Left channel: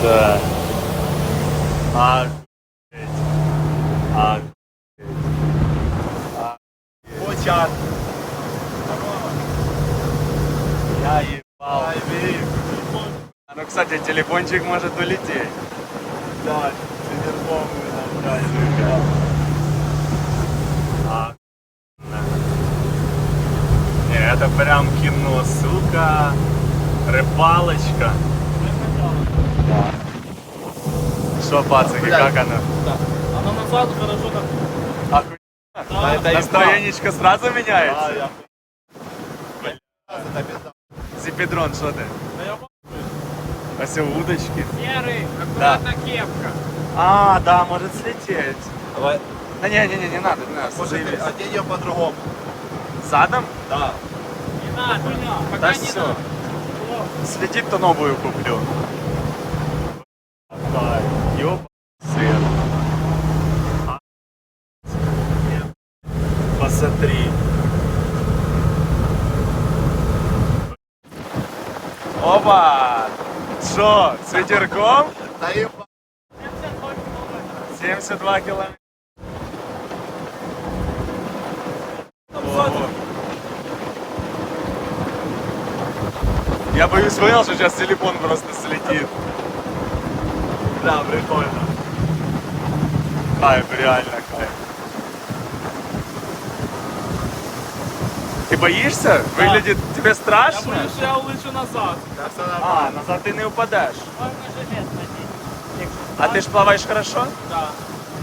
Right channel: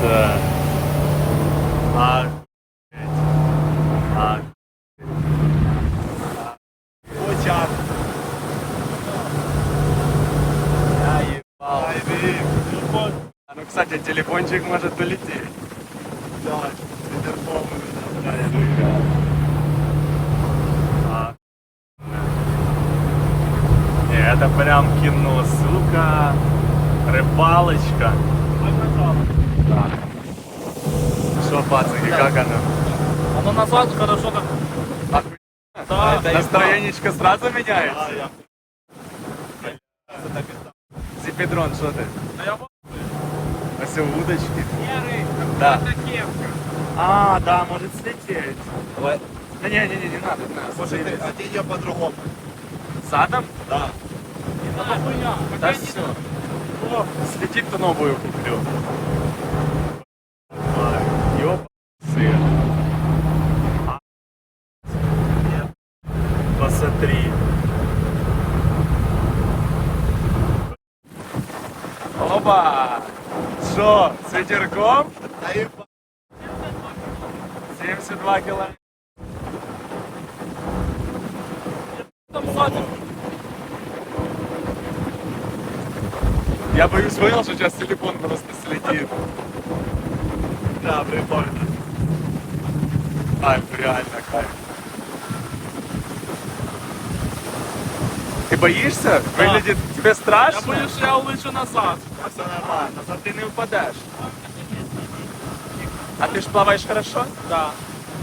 це. А. А. Почат. Я ебал. А, Ну, кстати, телефончик может улететь. Да, інтерком нам А, да. Не, это прям кино, сука. Рыбалочка. Да. Что, пацаны, как оно? Оно назад хорошо так. Охуенно. Да. Настроенечко сразу меняется? А, я Зипедрон, что ты? Да я. А все удочки? Серый, Да. кепка. А, да, может слететь. Давай. Да не, не, не, не надо, не надо. Может, одень ее по-другому. Задом? Да. Не надо, хуйня. Да все. надо. Слетит, то новую куплю. Ёб сыр. А. Посмотри. Опа! Что, с ветерком? Да еба. 72 километра. Ого. Я боюсь, понял, что сейчас телефон просто слетит. Да, прикольно. Кайф, реально кайф. Ты боишься? Выглядит тебе Я страшно? боюсь, що я улечу назад. Так все нормально. А, назад ты не упадешь. А ты ж плаваешь хорошо? Да.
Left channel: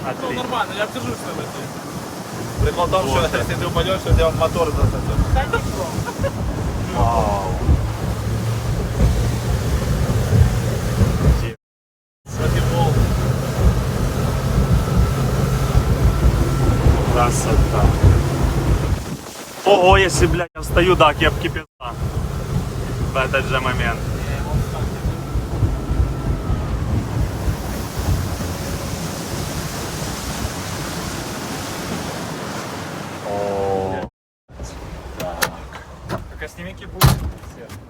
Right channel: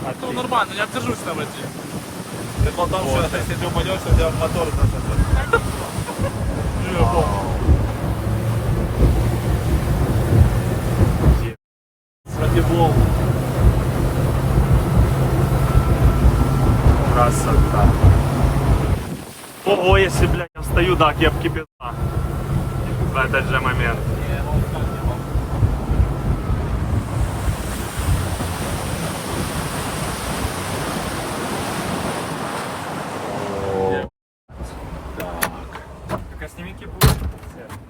Ну Отлично. нормально, я держусь на воді. Прикол в том, Вот что если ты упадешь, то у тебя мотор просто... Вау. Футбол. Красота. Ого, если, блядь, я встаю, да, кепки пизда. В этот же момент. О, Так. Так, сними кипу.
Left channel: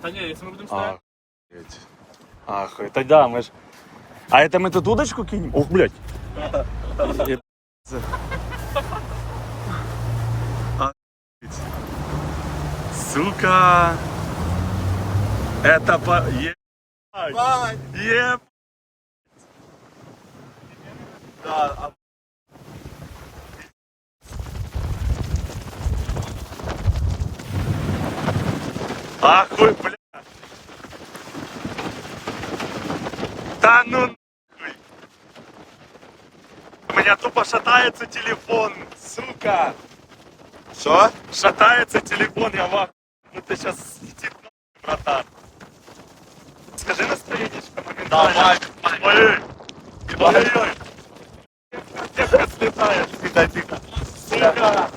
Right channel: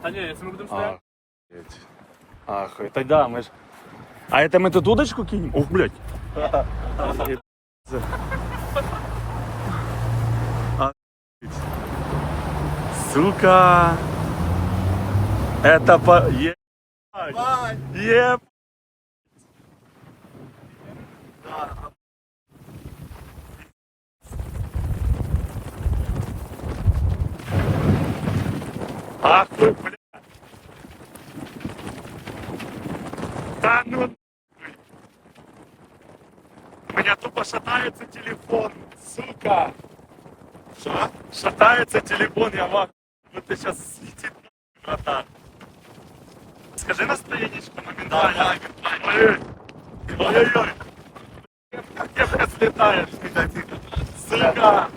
Та ні, якщо ми будемо стояти. Охуеть. Охуеть. Тогда мы ж... А это мы тут удочку кинем? Ух, блядь. Ебаться. Охуеть. Сука. Это по... Ебать. Бай! Еб... Да, Ахуй, бля. Да ну нахуй. У меня тупо шатается телефон, сука. Что? Шатается телефон, я вам. Вот ты сейчас слетит нахуй, братан. Скажи настроенечко моментально. Давай. Ой, ой-ой-ой. Кепка слетает. Тихо, тихо. Сука.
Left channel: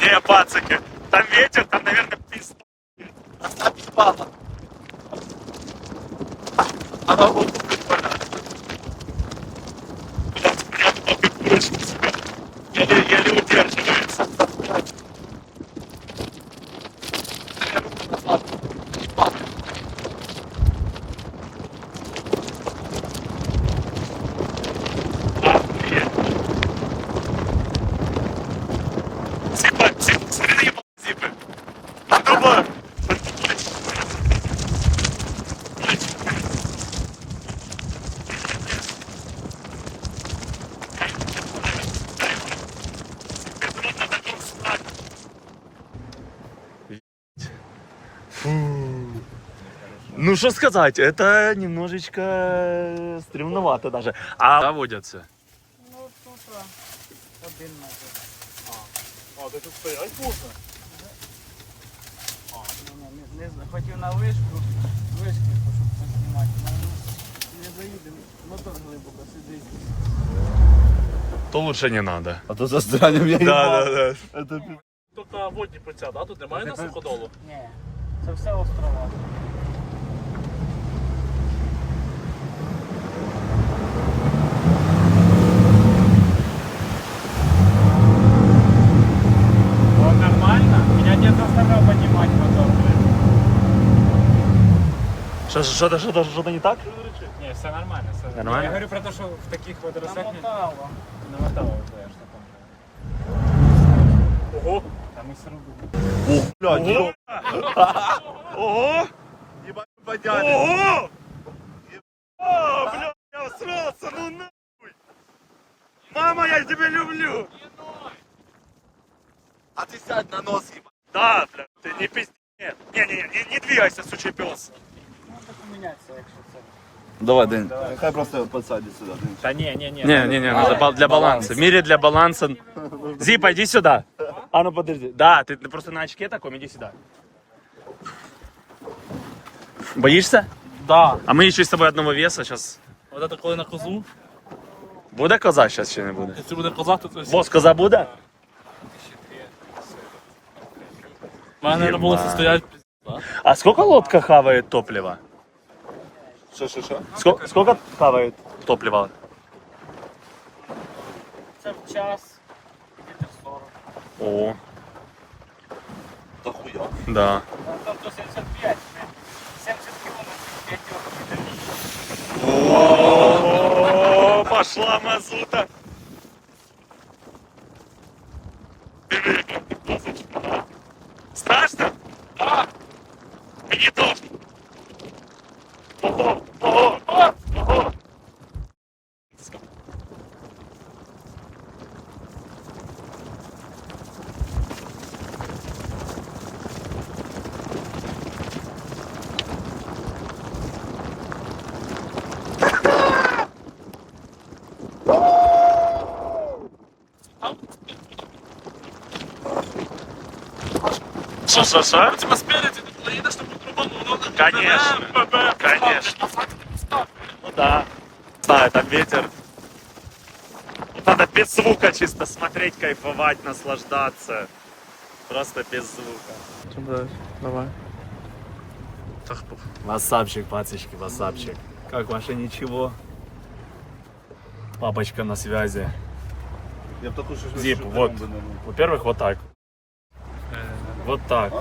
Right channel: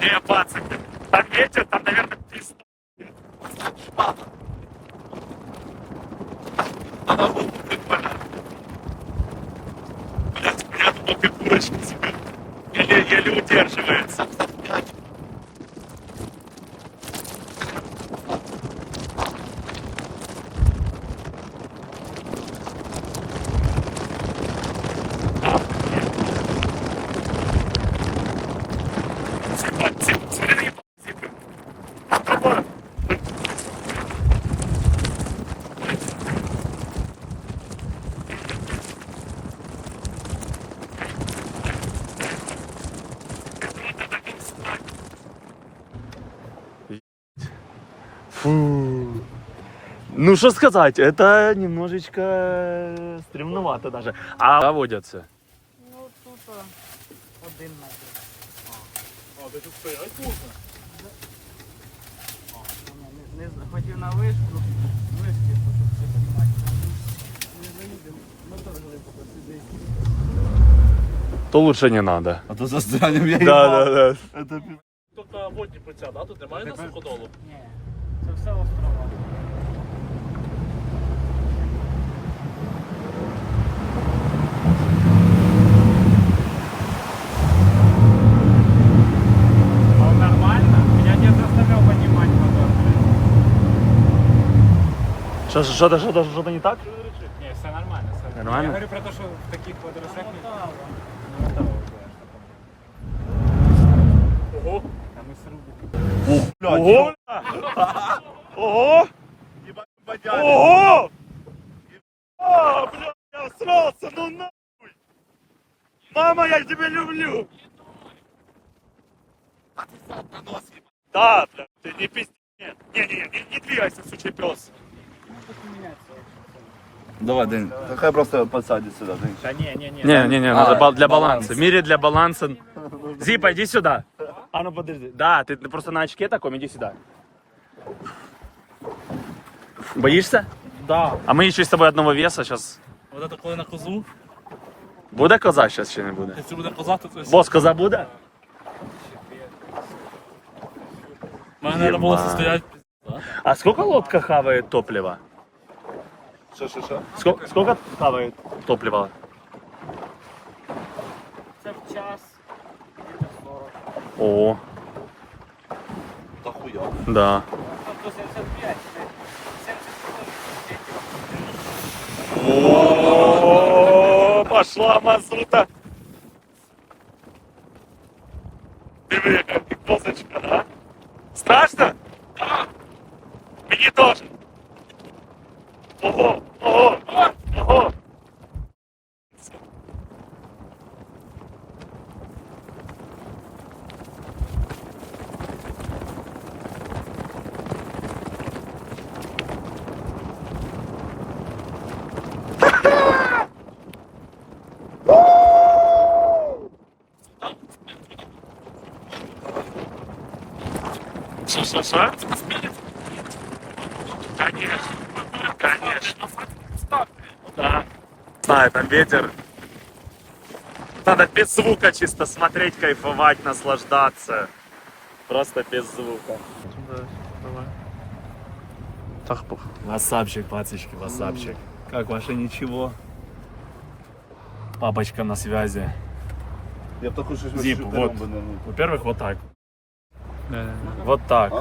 Не, пацаки, там ветер, там, наверное, пизда. Она будет прикольно. Блядь, у меня только курочка, сука. Еле, еле удерживается. Охуеть. Зипа, зип, смотри на ебаные зипы. Там другое. Фу. Ну что сказать, это немножечко стремновато даже. А водятся? Ну, тут один метр. А, ти тут стоять можна? Не, не, не хотів на вишку, вишки, щоб поснімати. Не заїдемо, мотор глибоко сидить. То лучше не надо. А то застрянем я Да, да, да. Это Тут а, водні пуття, да? Тут немає на суходолу? Ні, це все острова. Що, що, що, що, що, що не так? Ні, все нормально. Все. Нормально? Я говорю про те, що в таких розетних не мотало. Ого! А ми срубили. Ого! Ого! Ого! О, бля, я всрался, ну нахуй! Мама, я тебя люблю! А ти сядь на нос, їбать. Да, бля, ты не пизди. Нет, не, не, не, не двигайся, сучий пес. Давай, День. Хай просто посадить сюди, День. Та ні, ні, ні. Не, не, не, надо А, бал- для баланс. баланса. В мире для баланса. Зипа, иди сюда. А ну подожди. Да, ты просто на очке таком, иди сюда. Боишься? Да. А мы еще с тобой одного веса сейчас. От це коли на козу, Буде коза сейчас чи не буде? якщо буде коза, то це Бос, коза буде? У мене треба було Єма. стояти. А сколько лодка хавает топлива? Що, що, що? Сколько, сколько хавает топлива? Це в час. Літр 40. О, Та хуя. да. Ну, там 175. 70 кілометрів. О, пошла мазута. Що, що, що? Тебе спереди, ти поїдеш на потрубану, Конечно, конечно. Ну да. Знаю, там ветер. Надо без звука чисто смотреть, кайфовать, наслаждаться. Просто без звука. Давай. Так, Васапчик, пацочки, васапчик. Как ваше ничего? Папочка на связи. Я б таку щось Зіп, щось вот. Во-первых, вот так. Вот так.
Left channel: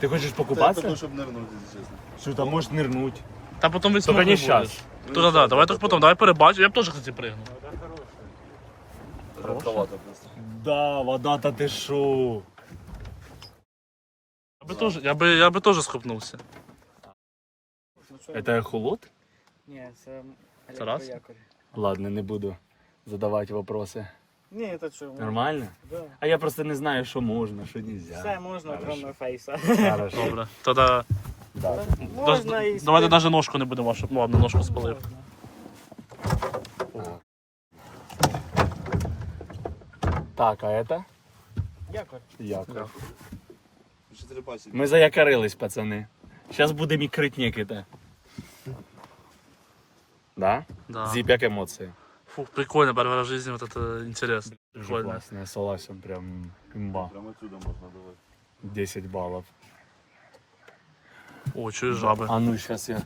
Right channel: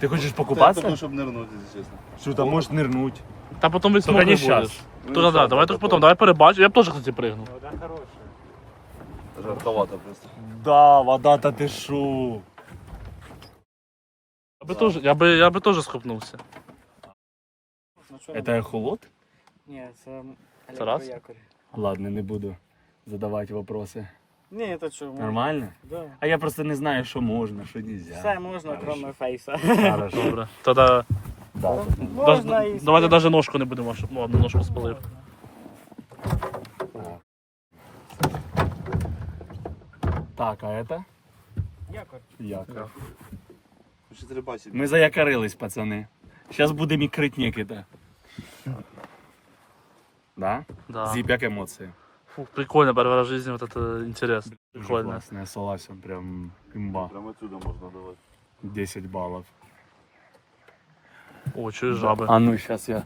Ты хочешь Це покупаться? таку, щоб нирнути, якщо чесно. Что там можешь нырнуть? Та потім весь Только не сейчас. То да, давай так потім, давай перебачу. Я б теж кстати пригну. Раховато просто. Да, вода-то ты шо? Я би теж, я би, я би теж схопнувся. Это эхолот? Ні, це Тарас? електроякорь. Ладно, не буду задавать вопросы. Ні, це що? Нормально? Да. А я просто не знаю, що можна, що нельзя. Все можна, кроме фейса. Хорошо. Добре. Тоді Можна і давайте навіть ножку не будемо вашу. Ладно, ножку спалив. Так, а это? якорь. Якорь. Що ти бачиш? Ми заякорились, пацани. Зараз будемо ікрити некита. Да? Да. Зіп, як емоції? Фу, прикольно, перший раз в житті, вот это интересно. Дуже Прикольно. класно, я согласен, прям імба. Прямо отсюда можна давати. 10 баллов. О, чую жаби. А ну, сейчас я...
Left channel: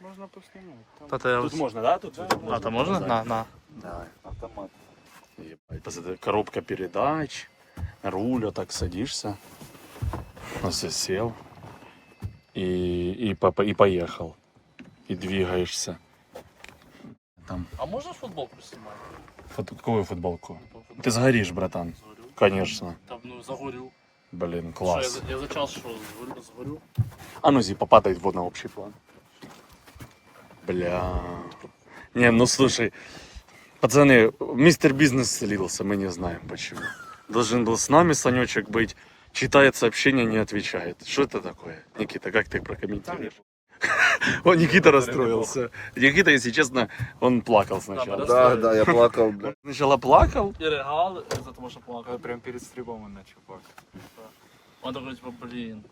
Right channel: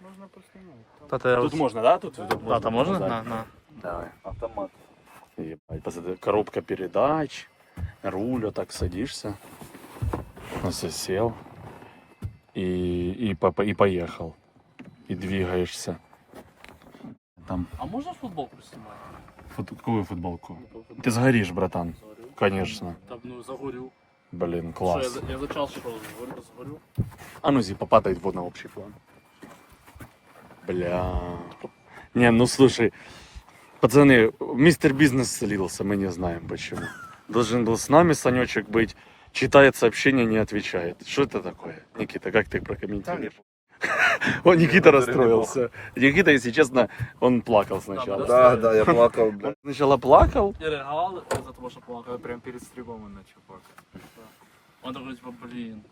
Можна поснімати. Та те Тут ось. можна, да? Тут Да, там можна? На, на. Давай. Автомат. Ебать, посмотри, коробка передач, руль, вот так садишься, все сел и, и, по- и поехал, и двигаешься. Там, А можна футболку знімати? фут, какую футболку? Ты сгоришь, братан. Конечно. Там, ну, загорю. Блин, Що, класс. я, я за час що, згорю? згорю? А ну, Зипа, падает вот на общий план. Бля. Не, ну слушай, пацаны, мистер Бизнес слился, мы не знаем почему. Должен был с нами Санечек быть, читает сообщение, не отвечает. Что это такое? Никита, как ты прокомментируешь? Он Никита расстроился. Никита, если честно, он плакал сначала. Да, да, я плакав, бля. Он сначала плакал, І регали, ось за того, що плакав. Прям перед стрибом він почав плакати. Он такой, типа, блін.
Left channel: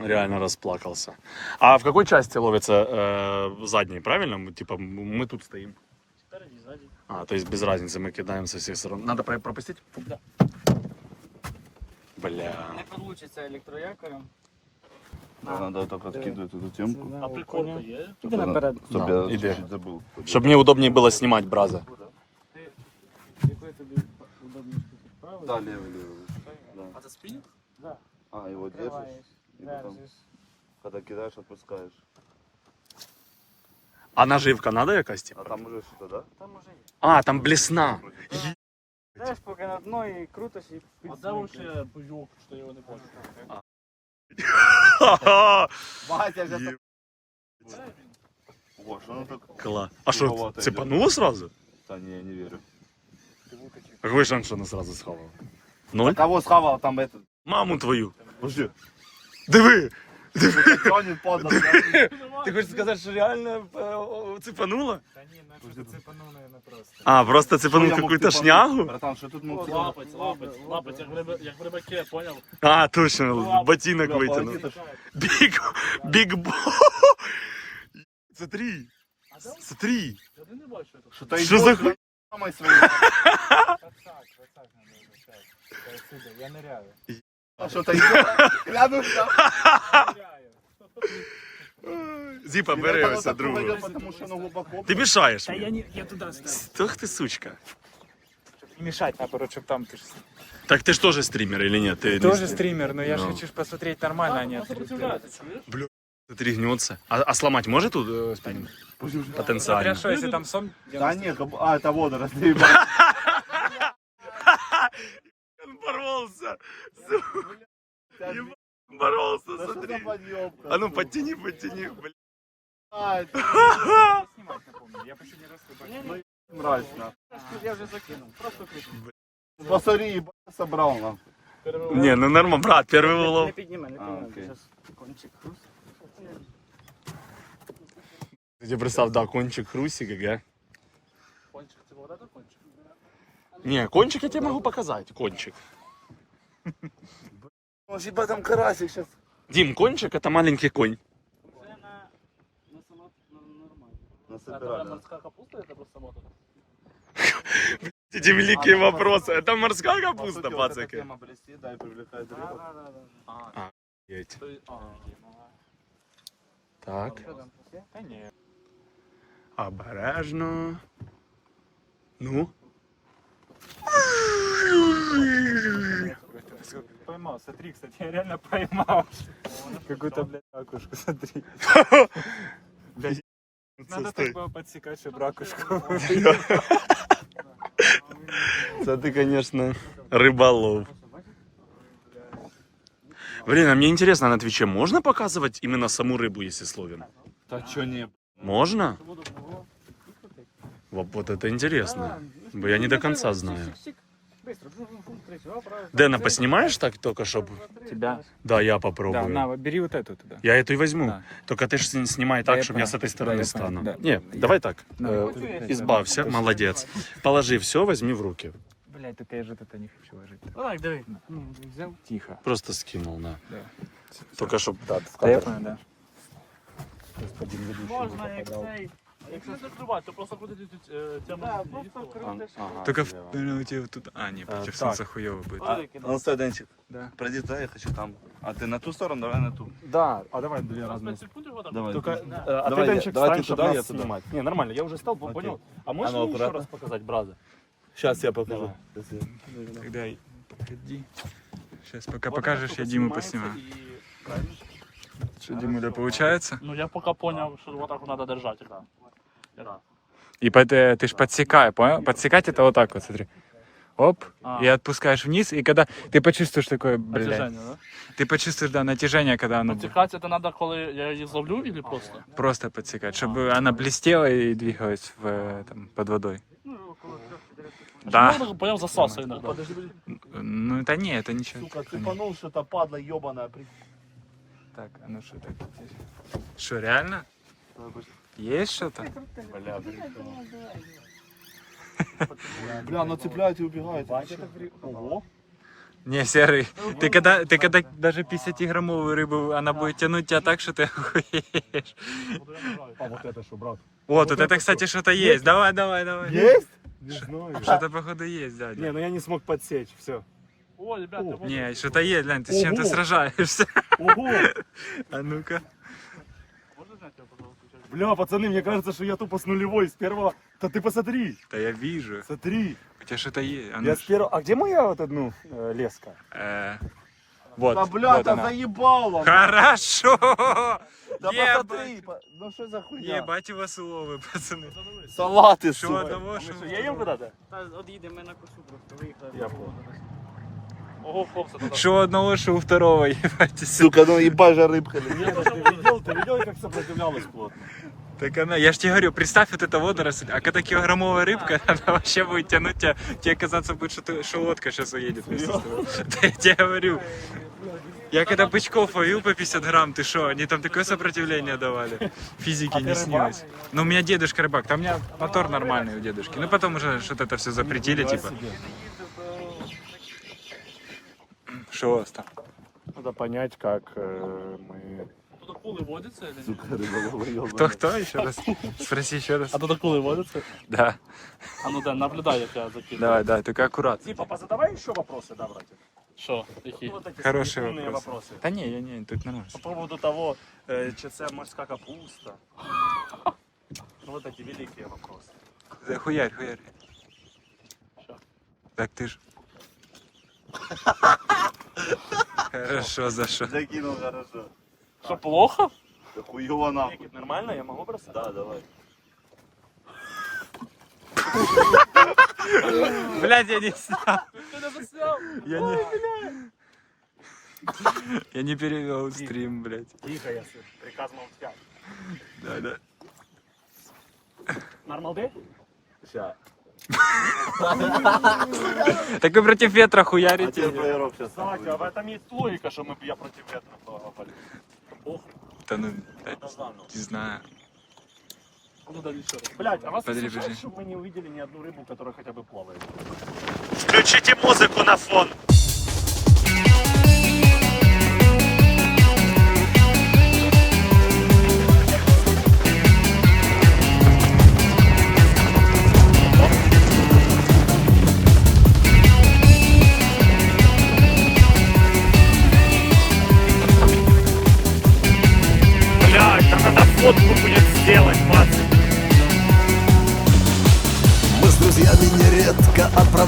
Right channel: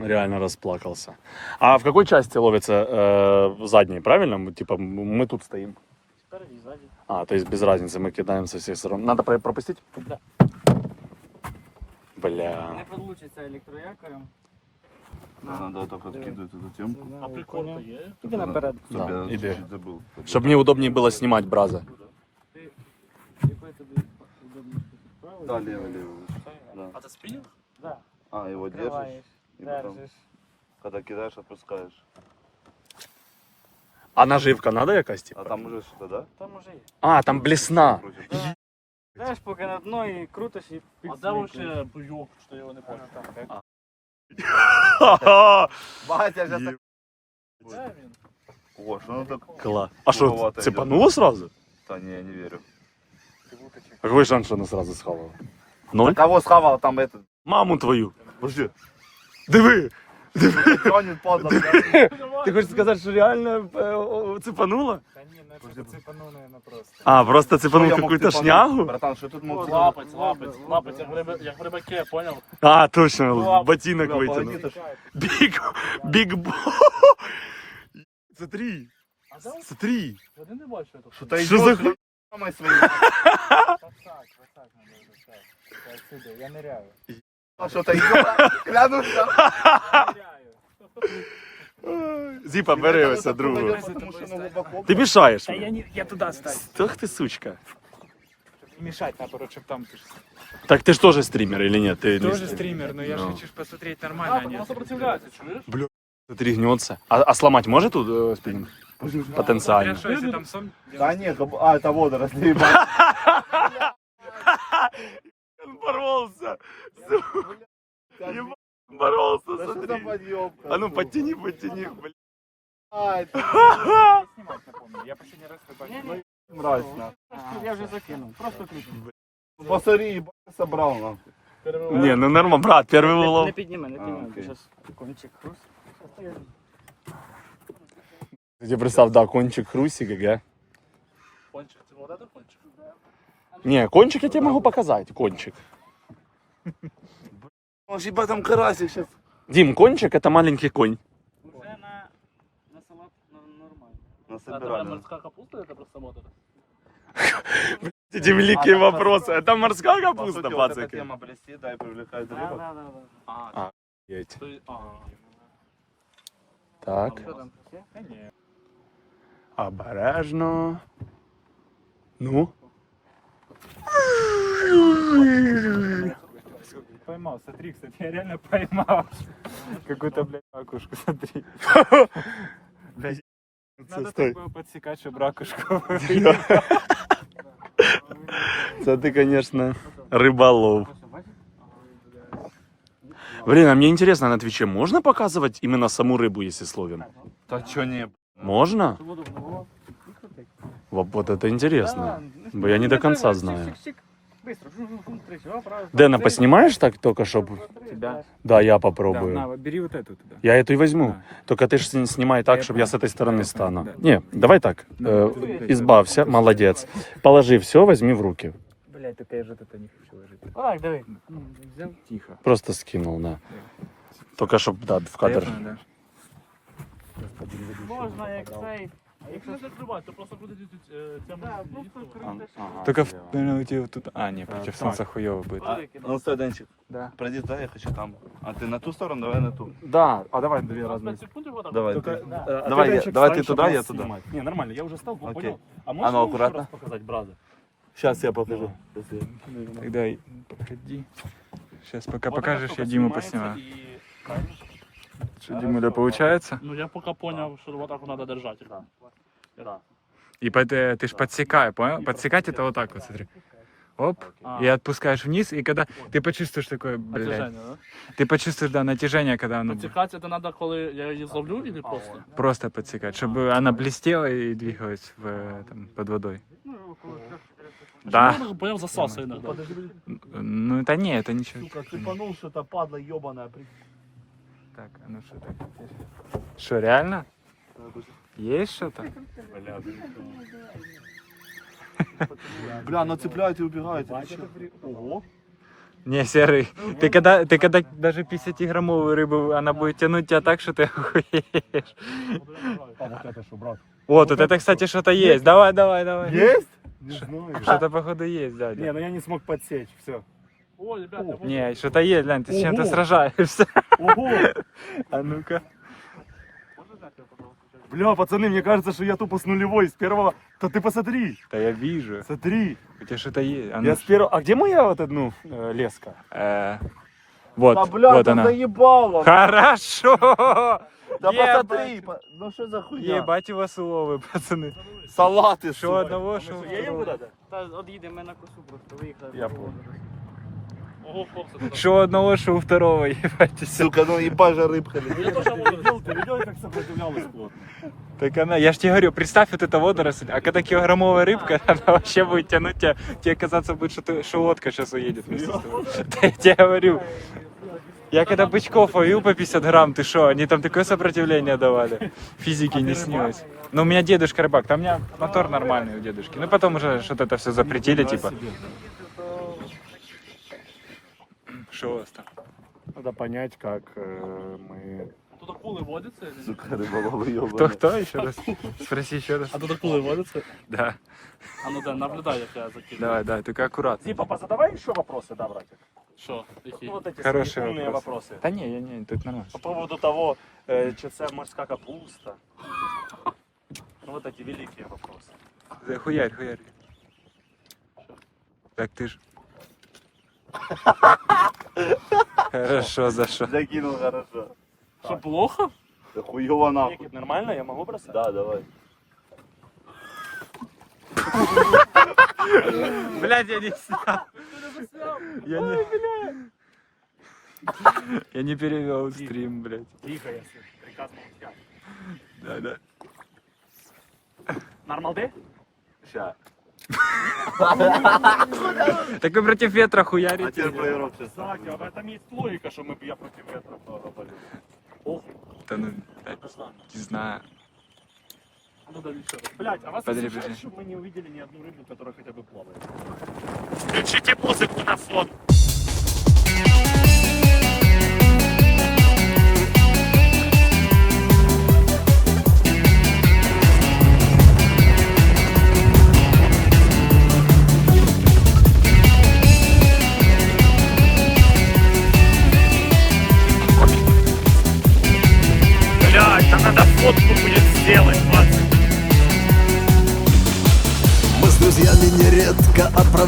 реально расплакался. А в какой части ловится э, задний, правильно? Мы, Типа мы тут стоим. Спереді, ззаді. А, то есть без разницы, мы кидаем со всех сторон. Надо про- пропустить? Да. Бля. Не получиться електроякорем. Треба так відкидувати ту темку. А приколька є? Іди наперед. Щоб Да, я іди. чуть забув. Чтобы мне удобнее было снимать браза. Який тобі удобніше тут правий? Да, лево, лево. А це спінінг? Да. А, его держишь, Відкриваєш, и потом, держиш. когда кидаешь, опускаешь. А наживка надо якась, А типа? там уже что, да? Там уже є. А, там блесна. Крутишь. Знаєш, поки на дно і крутиш і А де підсмикуєш. вообще буйок, що я його не понял? Ха-ха. Батя, Е- Де він? О, что оно так? Класс. А что, цепануло сразу? Да не, я не верю. А какой шанс, что она сразу схавала? Ноль? Кого схавал там этот? Маму твою. Подожди. Диви! Тянет подло. блядь. Ти хочеш сказати, що реально е, цепануло? Та ні, наче цепанув, наверное, просто. А, просто цепанул какую-то шнягу? Братан, что тут мог Лапець, лапець, лапець, як в рибаке, понял? А, точно, ботинок вытянул. Биг, биг бо. Смотри, А смотри. Я не бачу Что за хуй? своей. Так, так, так, так, я ныряю. А Что-то идёт. Клянусь. Зипа, бери ось другу. Потому что оно глубоко. Ти мішаєш. Та я, не, я туди ставлю. Ах ти сучка. Не мешать, наоборот, чтобы там ты ж Так ты ж тоже стример или нет? Ты не тоже стрим- стример, но я же Ну. хочу ж посмотреть нормально, а не... сопротивляється, чуєш? Смотри, гнется. А, а сломать может тут э, спиннинг? Потенциально. Хорошо, если там сон... Да нет, каб- а, это водоросли, ебать. Он порвался. Боролся, Да что за подъёбка? А ну подтяни, подтяни. блин. А, это Снимать напомню, я последний раз Ні, рыбачил. ні, мразь, на. я вже закинув. Просто кліпнув. Посмотри, ебать, собрал, нахуй. Не, ну норма, брат, первый Не улов. підніме, не А, підніме. окей. Зараз кончик хруст. Я представь, да, кончик хрустик, ага. Кончик, ты вода то кончик? Не, кончик я тебе могу показать, кончик. Может, ебать, там карасик сейчас. Дим, кончик это маленький конь. Вже на, на салат нормально. А это Насобирали. морская капуста, это просто мотор? Эти великие А, вопросы. Это морская капуста, пацаки. тема блести, да, и привлекает Да, рыбок. да, да. А. А, Так, там нет. обережно. Ну. Поймал, смотри, кстати, я реально поймал. Какую-то, блядь, ракушку, смотри. Блядь, надо так было подсекать, чтобы ракушку Это ты, конечно, рыболов. Блин, а мне интересно, на Твиче можно показывать именно саму рыбу, если словен? Да чё не, Можно? Вот, вот это интересно. Бо я не до конца знаю. Быстро, жу-жу-жу, тричі, оп, раз. Дэна, поснимаешь так только, чтобы... Тебя? Да, я Да, попробую. на, бери вот эту туда. Я эту и возьму. Да. Только ты ж снимай так, я чтобы я с этой стороны Да, я стану. да. Не, давай так. Да, Э, это избавься, молодец. Положи все, возьми в руки. Блядь, только я же тут не хочу ложить. Так, диви. Ну, взяв. Тихо. Просто скинул, да. Да. Только чтобы, да, в Да, я кадр. понял, да. Можна, як цей. Якщо закривати, то просто буде тему. Да, просто крутиш. Ага, Только слева. в, у тебя тут... А, нет, А, против так. солнца хуёво будет. А, ну стой, Денчик, Да. пройди, да, я хочу там. А ты на ту сторону, давай на ту. Да, а давай две разные. Давай. Только, э, а Давай ты, я- Денчик, давай встань, ты туда, чтобы нас я туда. снимать. Не, нормально, я уже стал, Окей. понял. А можешь А ну, мне еще аккуратно. раз показать, брата? Сейчас я покажу. Дай, подходи. Сейчас, пока покажешь, я Диму поснимаю. Что, Димуля, получается? Ну я пока понял, что вот так вот надо держать, да. Да. И под, э, ты ж подсекай, понял? Подсекать это вот так вот, смотри. Оп, и отпускаешь вниз, и когда ты почувствуешь такое, блядь, Натяжение, ты почувствуешь, да, натяжение, когда оно будет. Подсекать это надо, коли я її завлю или просто? Просто подсекать, чтобы она блестела и двигалась в, э, там, под водой. Да. Я понял, засасывай иногда. Ну это не, это ничего. Сука, цепанул что-то, падла ебаная. Так, а ну что так? Что, реально? Есть что-то? Бля, ну цепляют и. Ого. Не, серый, ты когда, ты когда даже 50-граммовую рыбу, она будет тянуть тебя так, что ты охуеешь. А вот это что, брат? Вот, вот это, кстати, что-то есть. Давай, давай, давай. Есть? Не знаю. Что-то, походу, есть, да. Не, ну я не смог подсечь, все. О, ребята, вот Не, что-то есть, глянь, ты с чем-то сражаешься. Ого! А ну-ка. можно снять его, пожалуйста? сейчас? Бля, пацаны, мне кажется, что я тупо с нулевой, с первого. Да ты посмотри, Да я вижу. смотри. У тебя что-то есть. А ну, Я с первого... А где моя вот одну э, леска? э, Вот, Та бля, вот та она. заїбало. Хорошо! Та Ебать. посмотри, по- ну що за хуйня? Ебать его слово, пацаны. Салати, Що сука. одного, що Є їм второго. видати? Та от їдемо ми на косу просто виїхали. Я на понял. водорослі. Ого, хлопці, туди. Що одного, що у второго, ебать. Сука, ну їбай же рибка. Я тоже видел, ты видел, как сопротивлялась плотно? Так она, я ж тебе говорю, представь вот это водоросль, а когда килограммовая рыбка, она вообще будет тянуть тебя, тебе казаться будет, что, ты, что лодка сейчас уедет. вместе с тобой. Да Я тебе говорю. Я когда бычков ловил по 50 грамм, ты что, они там такое сопротивление давали. Физики не снилось. Но у меня дедушка рыбак, там у меня мотор нормальный у дедушки. Ну потом уже что-то это все запретили, типа. Что у вас там? Надо понять, как э, мы... Тут акулы водятся или нет? Сука, риболова йобана. Кто, кто еще раз? Спроси еще раз. А тут акулы водятся? Да. А ну да, наблюдай, як я закидываю. Давай, давай, только аккуратно. Типа, позадавай еще вопросы, да, братик? Что? Какие? Вот эти Хороший смешные вопрос. вопросы. Да не, я не, тут нормально. По поводу того, э, чи це морська капуста. Ну, вот эти великие вопросы. Да хуярь, хуярь. Так ты ж. Хорошо, за что? Закинул хорошо. Что, плохо? Да хуёво нахуй. Нормально? Я могу бросать? Да, давай. Блядь, я не снял. Я не... Я не перевел стрим, блядь. Тихо, я слышу. Приказ молчать. Да, да. Нормалды? Ща. Так вы против ветра А хуярите. сейчас. Кстати, а в этом есть логика, что мы, я против ветра поговорю. Да ну, блядь, не знаю. Ну да, еще раз. Блять, а вас Подожди, смущает, подожди. что мы не увидели ни одну рыбу, которая хотя бы плавает? Включите музыку на фон.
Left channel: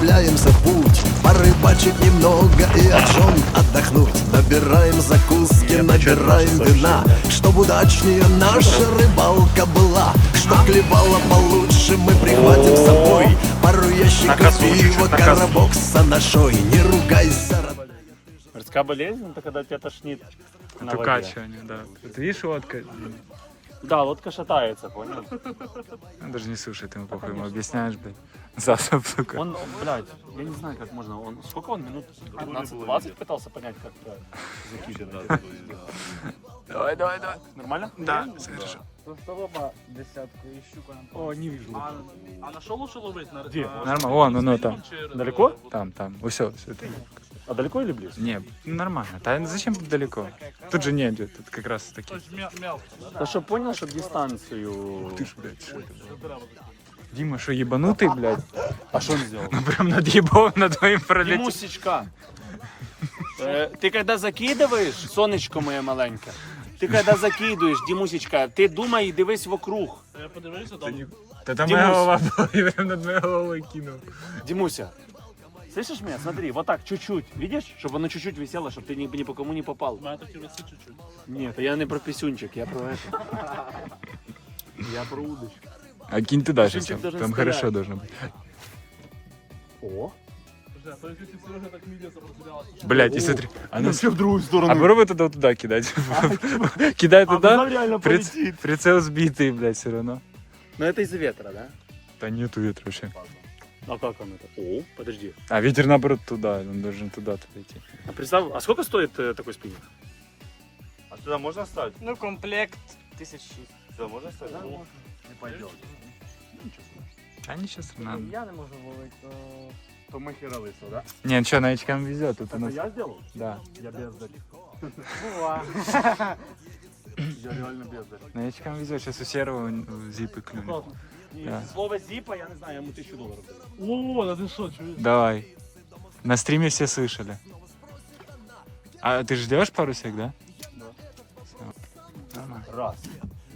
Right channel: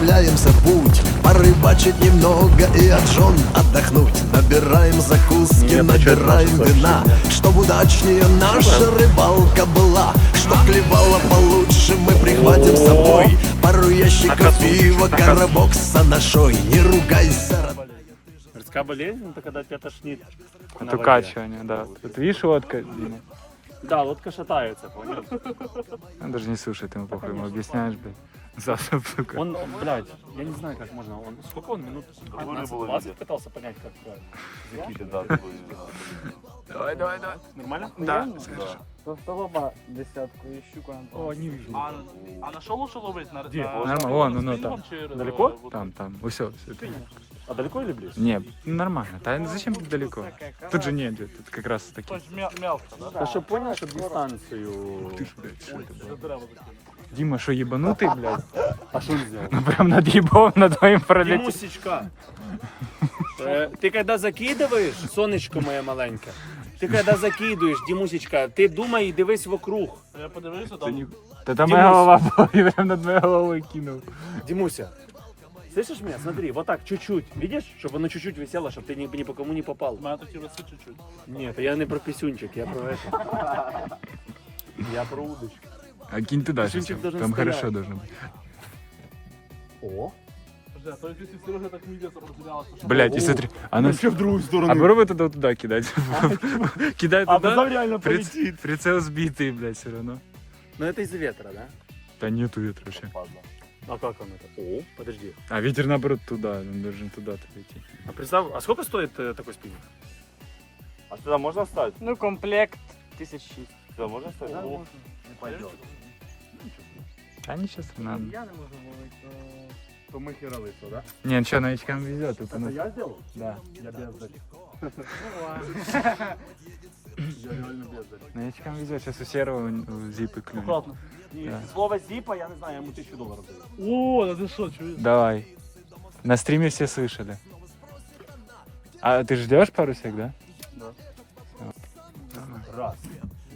Отправляемся в путь Порыбачить немного и от жен отдохнуть Набираем закуски, набираем вина Чтоб удачнее наша рыбалка была Чтоб клевала получше, мы прихватим с собой Пару ящиков пива, коробок с анашой Не ругайся, родной. Морская болезнь, это когда тебя тошнит воде. Укачивание, да. Тут видишь лодка? Да, лодка шатается, понял? Он даже не слушает, ему похуй, ему объясняешь, блядь. Засоб, сука. Он, блядь, я не знаю, как можно. Он сколько он минут? 15-20 пытался понять, как закидывать. Давай, давай, давай. Нормально? Да, хорошо. Просто лоба десятку щука. О, не вижу. А, а на что лучше ловить? На, Где? на- Нормально, вон, оно там. Чи- Далеко? Там, там, все, все это. А далеко или близко? Не, ну, нормально. Да зачем тут далеко? Тут же нет, тут как раз таки. То есть мя- мелко, да? Ну что, понял, что дистанцию... Ух ты ж, блядь, что это было? Дима, что ебанутый, блядь? А что он сделал? Ну прям над ебом над твоим пролетел. Мусечка. Э, Ты когда закидываешь, сонечко моє маленьке, ти когда закидуєш, Дімусечка, ти думай і дивись вокруг. Я подивлюся, там Да там моя голова была, и прям над моей головой кинул. Димуся, слышишь меня? Смотри, вот так, чуть-чуть. Видишь? Чтобы оно чуть-чуть висело, чтобы ты ни, ни по кому не попал. у мене такі веси чуть-чуть. Нет, я не про писюнчик, я про это. Я про удочку. А кинь туда сейчас, там, стоять. хорошо должно быть. О, Блядь, и смотри, она все в другую сторону. А попробуй тогда туда кидать. Кидай А туда, потом реально полетит. прицел сбитый, блядь, все равно. Но это из-за ветра, да? Да нету ветра вообще. А как он это? О, подожди. А ветер наоборот туда, он должен туда-то лететь. А представь, а сколько стоит э, такой спиннинг? А сюда можно ставить? Ну, комплект тисяч шість. Сюда можно ставить? Не пойдет. А ничего странного. Я не можу ловити, то... То мы херовые, да? Не, ну что, новичкам везет. Это у Это нас... я сделал? Да, Я бездарь. Я реально бездарь. новичкам везет. Сейчас у серого зипы клюнет. Да. слово зипа, я не знаю, я ему тысячу долларов даю. О, да ты что, чуешь? Давай. На стриме все слышали. А ты ждешь парусик, да? Да. Нормально. Раз,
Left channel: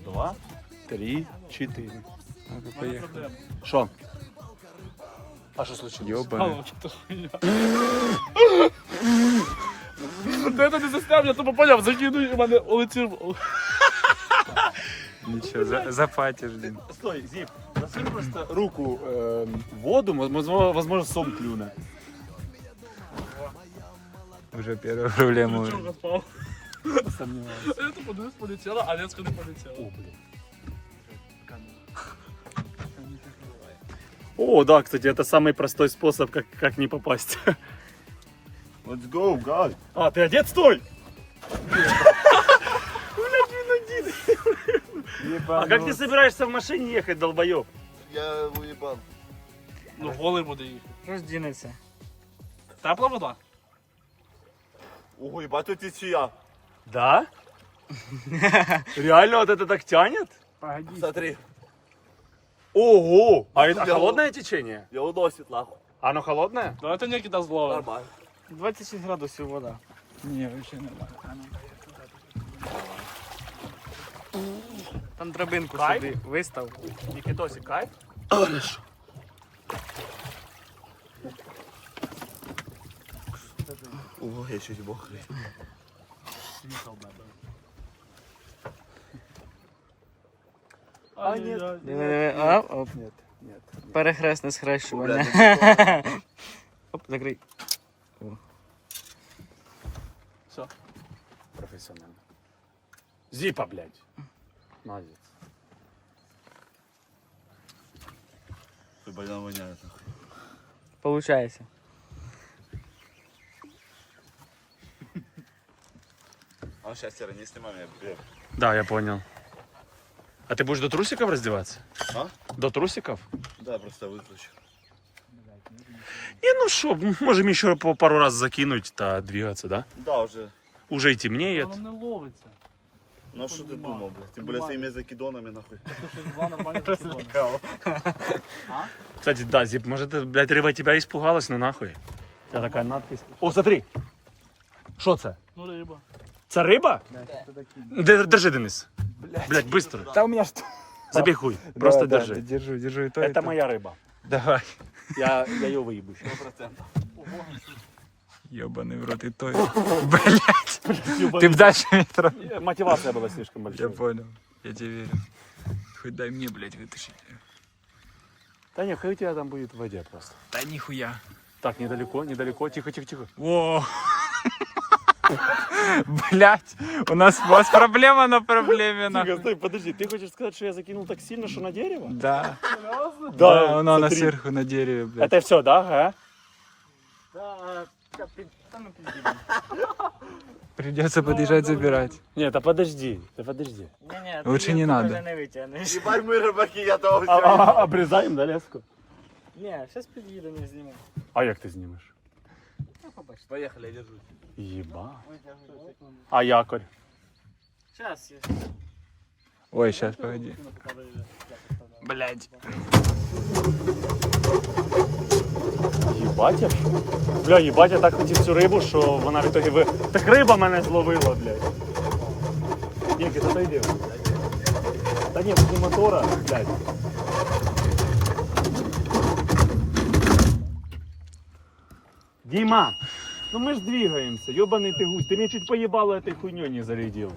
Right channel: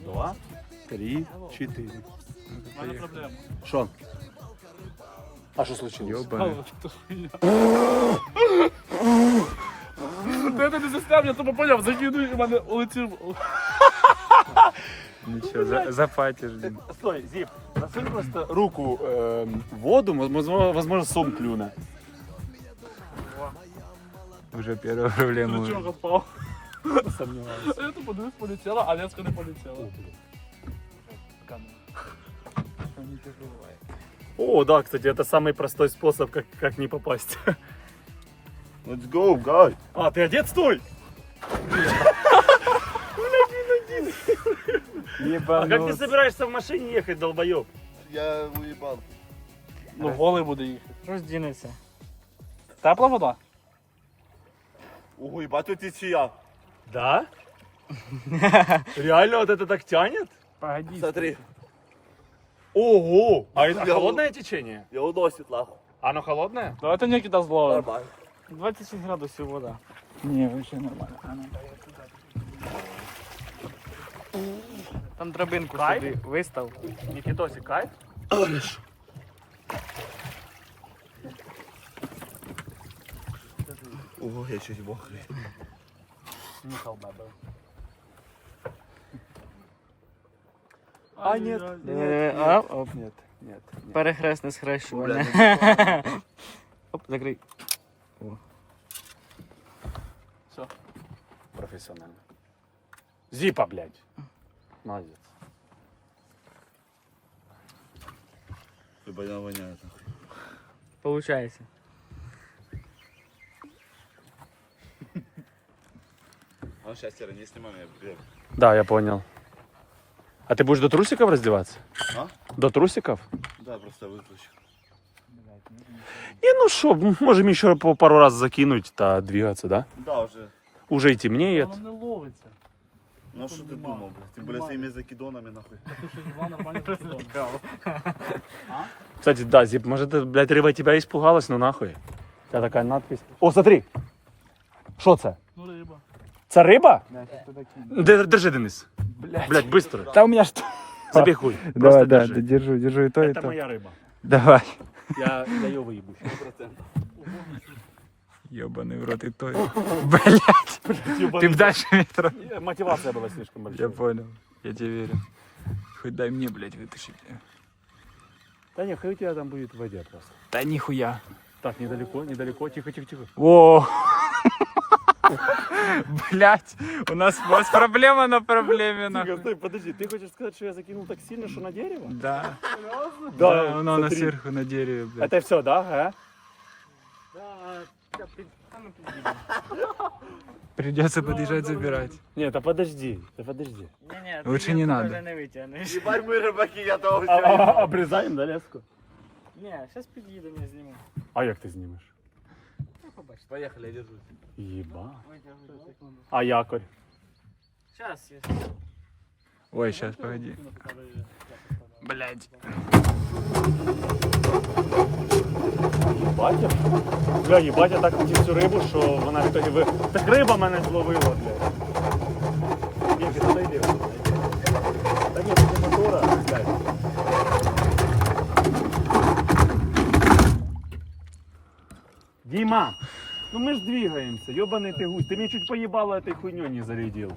два, три, четыре. Ну, У мене поехали. проблема. Что? А что случилось? Ёбаный. Ну, что-то ж я- Ти це не засняв, я тупо поняв, закину і в мене улетів. Ничего, за, запатишь, блин. Стой, Зіп, засунь просто руку е, в воду, возможно, возможно, сом клюне. Уже первую проблему. Чого впав? Сомніваюся. Я тупо дивись, полетіла, а леска не полетіла. О, да, кстати, это самый простой способ, как, как не попасть. Let's go, guys. А, ты одет? Стой! А как ты собираешься в машине ехать, долбоеб? Я уебан. Ну, голий буде їхати. Роздінеться. Тепла вода? Ого, ебать, тут течия. Да? Реально вот это так тянет? Погоди. Смотри, Ого! А это Я- холодное течение? я уносит нахуй. Оно холодное? Давайте Нікіта зловимо. Нормально. 26 градусів вода. Ні, взагалі нормально. Там драбинку Кайф? собі вистав. Никитосик, кайф? Ого, я чуть мокрый. А, ні. Диви, диви. Оп, оп. Нет, нет, нет. Перехресне схрещування. Оп, закрий. Профессионально. Зипа, блядь. Молодец. Ты больно воняет. нахуй. Получається. А он сейчас не снимай меня. Да, я понял. А ты будешь до трусиков раздеваться? А? До трусиков? Да, просто выключу. Не, ну что, можем еще по пару раз закинуть, да, двигаться, да? Да, уже. Уже и темнеет. Воно не ловиться. Ну а что ты думал, блядь? Тем более своими закидонами, нахуй. Ти просипали. Кстати, да, Зип, может, это, блядь, рыба тебя испугалась, ну нахуй. У тебя такая надпись. О, смотри. Что це? Ну, риба. Це риба? Де- Держи, Денис. Блядь, быстро. Да у меня что? Забей хуй. Просто Давай, да, держи. держу, держу и то, и Это то. моя рыба. Давай. Я, я ее выебу. Ебаный в рот и то. Блять. Ты б дальше метро. Мотивация была слишком Я большая. понял. Я тебе верю. Хоть дай мне, блядь, вытащить. Да нет, хай у тебя там будет в воде просто. Да нихуя. Так, недалеко, недалеко. Тихо, тихо, тихо. Во. Блять, у нас, у нас проблема на проблеме, Тихо, нахуй. стой, подожди. Ты хочешь сказать, что я закинул так сильно, что на дерево? Да, Да, да, оно на смотри. сверху на дереве, блядь. Это все, да? А? Придется подъезжать забирать. Нет, да подожди, да подожди. Ні-ні, Лучше не надо. не витягнеш. Ебать, мы рыбаки, я тоже. А, а, а, обрезаем, да, леску? Ні, зараз під'їдемо і знімемо. А як ти знімеш? Поехали, я держусь. Єба. А якорь? Зараз, Ой, сейчас, погоди. Блять. Їбать, я ж. Бля, їбать, я так хотів цю рибу, що вона в итоге ви... Так риба мене зловила, блядь. Ні, ти стой, Дім. Та ні, тут і мотора, блядь. Дима, Ну мы ж двигаемся, ебаный ты гусь. Ты меня чуть поебало этой хуйней не зарядил.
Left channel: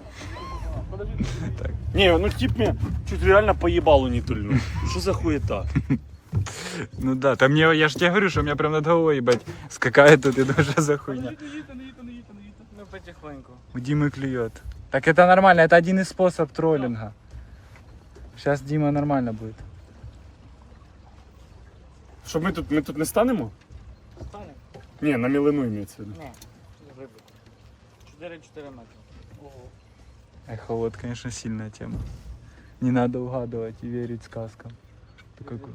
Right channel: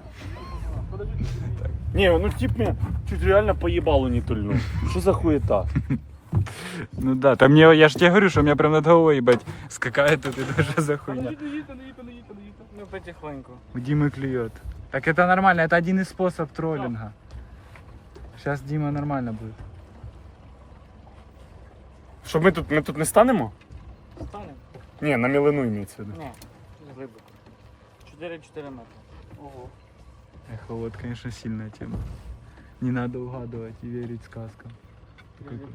Не, ну тип мне чуть реально поебалу не тульнул. Что за хуета? Ну да, там мне, я ж тебе говорю, что у меня прям над головой, ебать, скакает тут и даже за хуйня. Ми потихоньку. У Димы клюет. Так это нормально, это один из способов троллинга. Сейчас Дима нормально будет. Що ми тут, ми тут не станемо? Станемо? Ні, на мілину імеється в виду. Ні, глибоко. 4-4 метри. Ого. Эх, вот, конечно, сильная тема. Не надо угадывать и верить сказкам. Такой ку-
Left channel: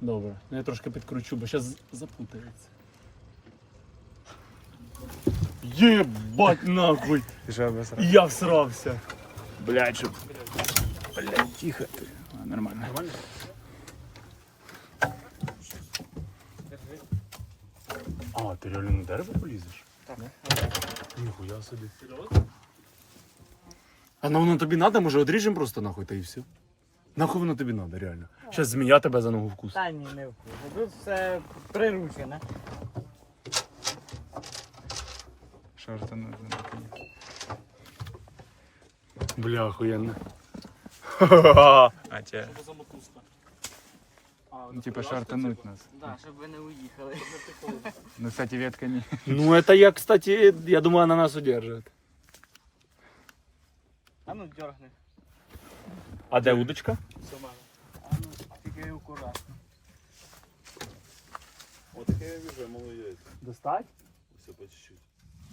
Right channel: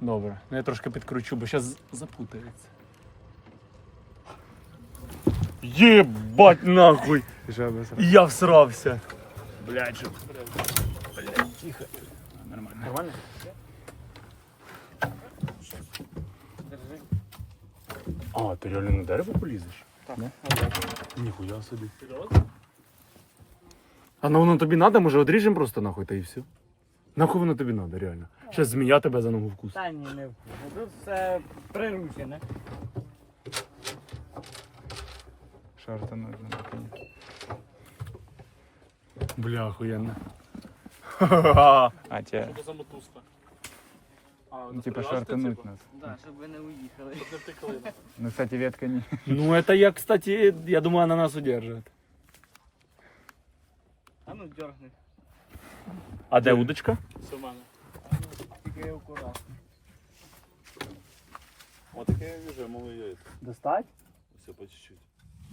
Добре. Ну я трошки підкручу, бо зараз запутається. Єбать нахуй! Жаба сразу. Я всрався. Блядь, что Блядь, тихо. А, Нормально. А, ти реально на дерево полізеш? Так. Ніхуя собі. А ну воно тобі надо, може одріжемо просто нахуй та і все. Нахуй воно тобі надо, реально. Щас змія тебе за ногу вкусить. Та ні, не вкусно. Тут все приручене. Шорты нужно. Бля, охуєнно. А тебе, Що за мотузка? А, ну, типа шортануть нас. Да, щоб ви не уїхали. Не втекли. Ну, кстати, ветка не... Ну, это я, кстати, я думаю, она нас удержит. А ну дергни. А де удочка? Все в мене. А ну тільки акуратно. Вот такие уже малые. Достать? Все по чуть-чуть.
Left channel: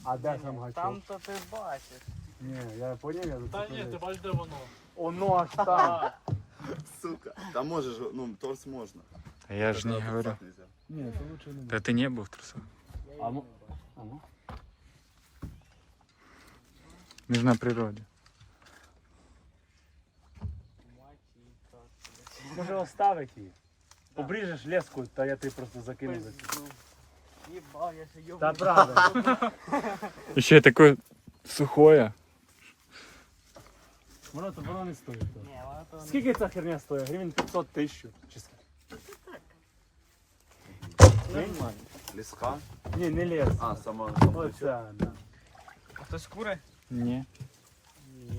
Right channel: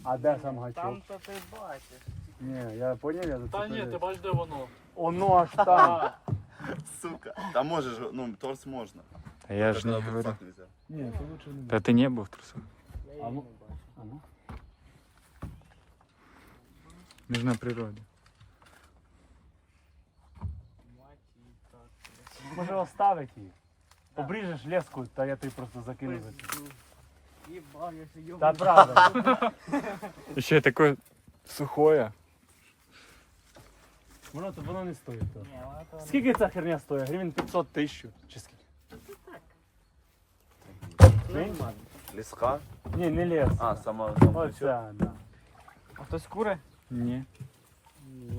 А де сам Ну, Там то ти бачиш. Не, я понял, я Та ні, ти бачиш, де воно. Оно аж там. Сука. Там можешь, ну, торс можно. А я же не Только говорю. фак нельзя. Не, это лучше не Да ты не был в трусах. А ну, а ну. Мы же на природе. Може оставить її. Да. Обріжеш леску, та я ти просто закину. Пизду. Їбав, я ще йому. Та правда. Еще такое сухое. Воно то воно не стоїть. то. Ні, воно то не- Скільки ця херня стоїть? Гривень 500 тисяч. Чи скільки? Леска. Ні, не лес. А, сама. Оця, да. А хтось кури? Не. Ні.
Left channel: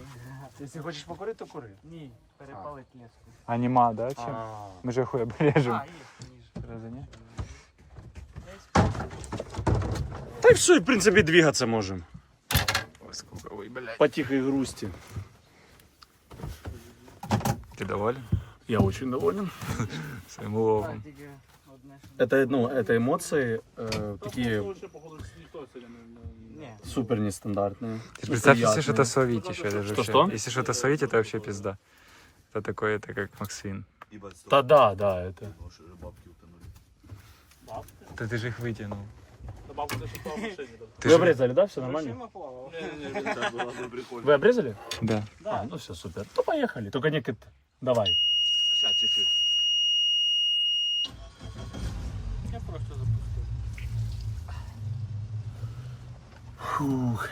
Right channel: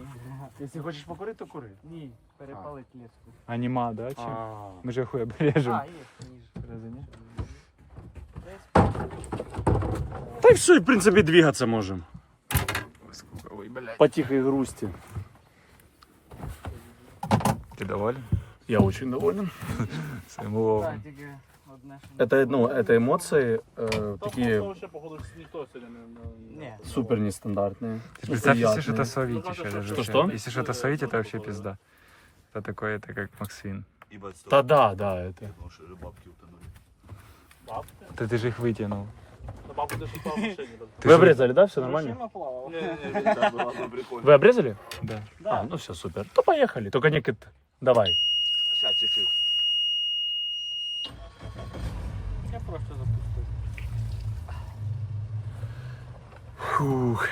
Якщо хочеш покурити, то кури. Ні, перепалить леску. А нема, да? Чем? А, Мы же хуй обрежем. А, є ніж. Разве не? Десь Та й все, і в принципі двигатися можемо. Ой, сколько, ой, блядь. По тихой грусти. Ты доволен Я очень доволен. своим уловом? Так, тільки одне, що... Это, ну, это эмоции э, такие Там ще, походу, ніхто сьогодні не... не- Ні. супер нестандартные. Ты представь, если неприятные. что-то словить еще. это же Что-что? вообще- Если что-то словить, это вообще пизда. Это такое, это как Максвин. Ибо Да, да, да, это. бабки утонули. Да ты же их вытянул. Та, Мабуть, ти шукав в машині. так. Ты Вы же- обрезали, да, все нормально? Машина плавала. Не-не-не, там было бы прикольно. Вы обрезали? Да. А, ну все, супер. То поехали. Только не кит. Давай. Сейчас чуть-чуть. Я просто запустив. Фух.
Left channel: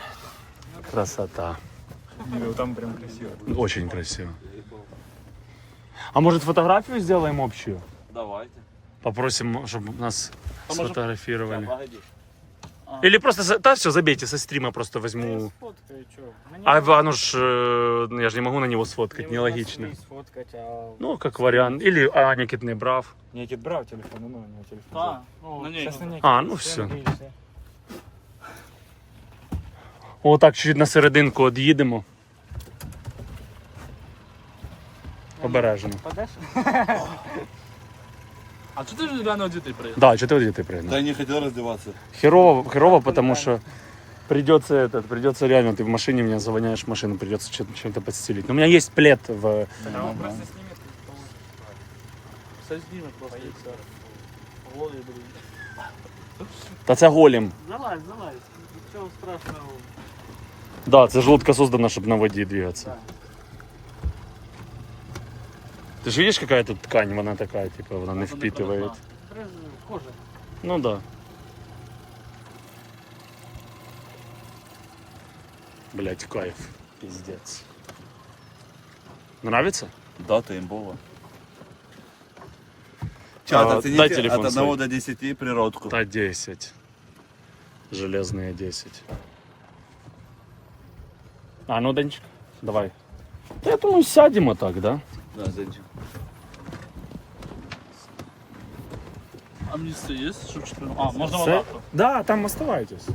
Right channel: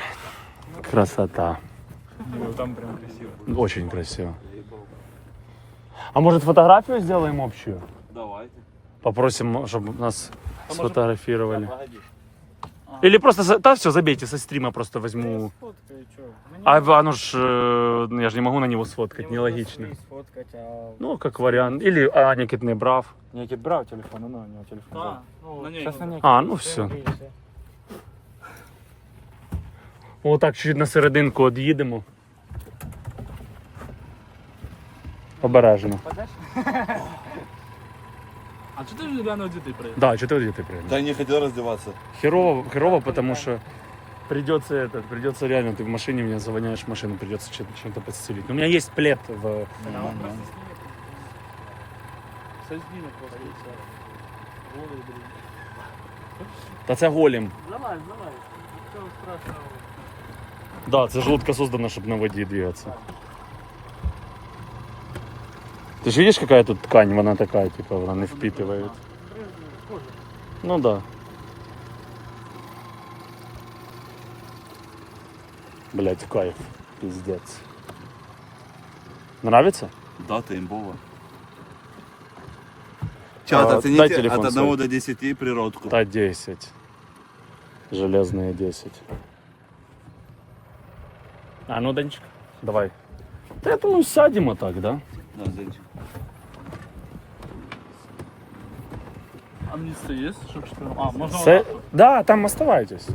Красота. Ну, там прям красиво. Очень красиво. А может фотографию сделаем общую? Давайте. Попросим, чтобы нас сфотографировали. Погоди. Или просто, да, все, забейте, со стрима просто возьму. А оно ж, э, ну, я же не могу на него сфоткать, нелогично. Сфоткать, а... Ну, как вариант. Или а, Никит не брав. Некит брал телефон, ну, у него телефон. Ну, на ній. Сейчас на Никит. А, ну все. Отак чуть на серединку од'їдемо. Обережно. А чи ти ж рано дітей приїхав? Да, чотири ти прийде. Да я не хотел раздеваться. Херово, херово, потому что придется этот, придется реально, ты в машине меня завоняешь в машину, придется чем- чем-то подстелить. Но у меня есть плед в... Все зніме просто і все. Голови будуть. Та це голем. Давай, давай. Нічого страшного. Да, це ж лодка создана, чтобы на воде двигаться. Ты же видишь, какая тут ткань, она такая, типа, она не впитывает. Ну да. Блять, кайф. Пиздец. Нравится? Да, ты имбова. А, Чат, дай оцените телефон от свой. 1 до 10 природку. Та 10. Железные 10. А ну, Данчик, давай. Да я думаю, сядем вот так, да? Да, Зенчик. Амністія є, щоб чотири. А, можна Це... отак. Да, там оставайтесь.